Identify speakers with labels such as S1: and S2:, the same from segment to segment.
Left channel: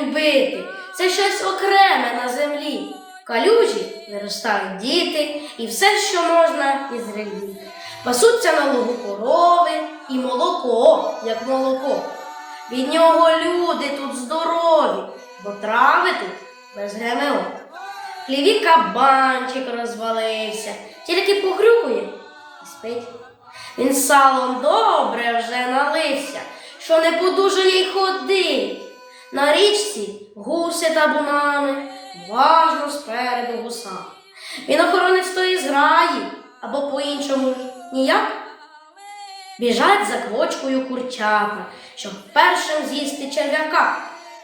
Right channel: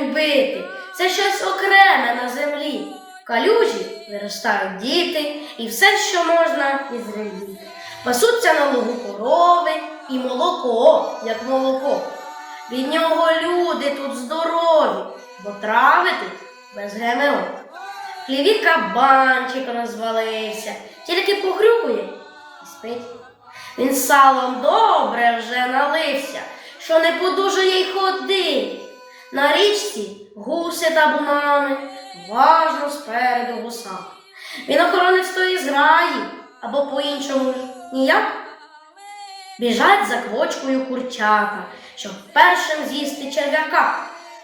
S1: бити. Це щось окреме на землі. Калюжі виростають діти і все, що можна із землі. Пасуться на лугу корови і молоко, як молоко. Від нього люди тут здорові, бо трави тут без ГМО. Хліві кабанчик розвалився, тільки похрюкує і спить. Він салом добре що не подужує й ходить. На річці гуси табунами, важно спереду гуса. Він охоронець тої зграї, або по-іншому ніяк. Біжать за квочкою курчата, щоб першим з'їсти черв'яка.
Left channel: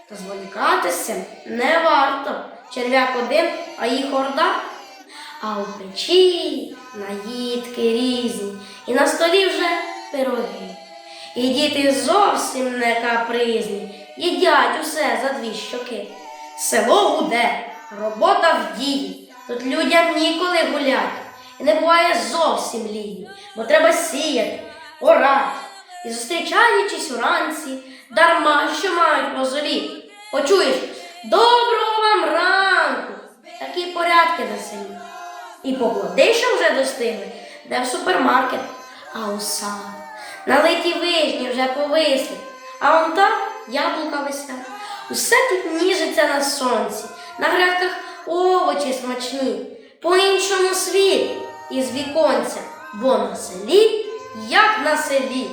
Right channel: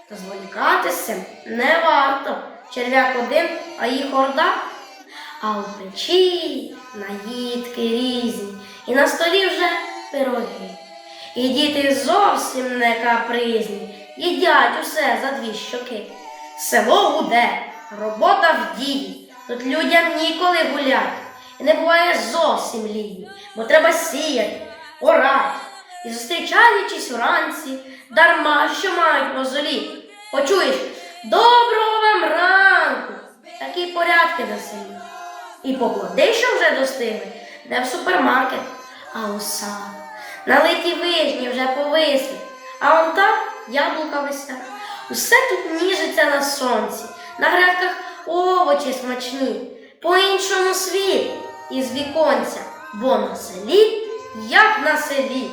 S1: Та зволікатися не варто. Черв'як один, а їх орда. А у печі наїдки різні, і на столі вже. І діти зовсім не капризні, їдять усе за дві щоки. Село гуде, робота в дії, тут людям ніколи гулять. І не буває зовсім лінії, бо треба сіяти, орати. І зустрічаючись уранці, дарма що мають мозолі. Почуєш доброго вам ранку, такі порядки на селі. І поплоди, що вже достигли, де в супермаркет, а у сад. Налиті вишні вже повисли, а он там яблука висять. Усе тут ніжиться на сонці, на грядках овочі смачні, по-іншому світ із віконця, бо на селі, як на селі.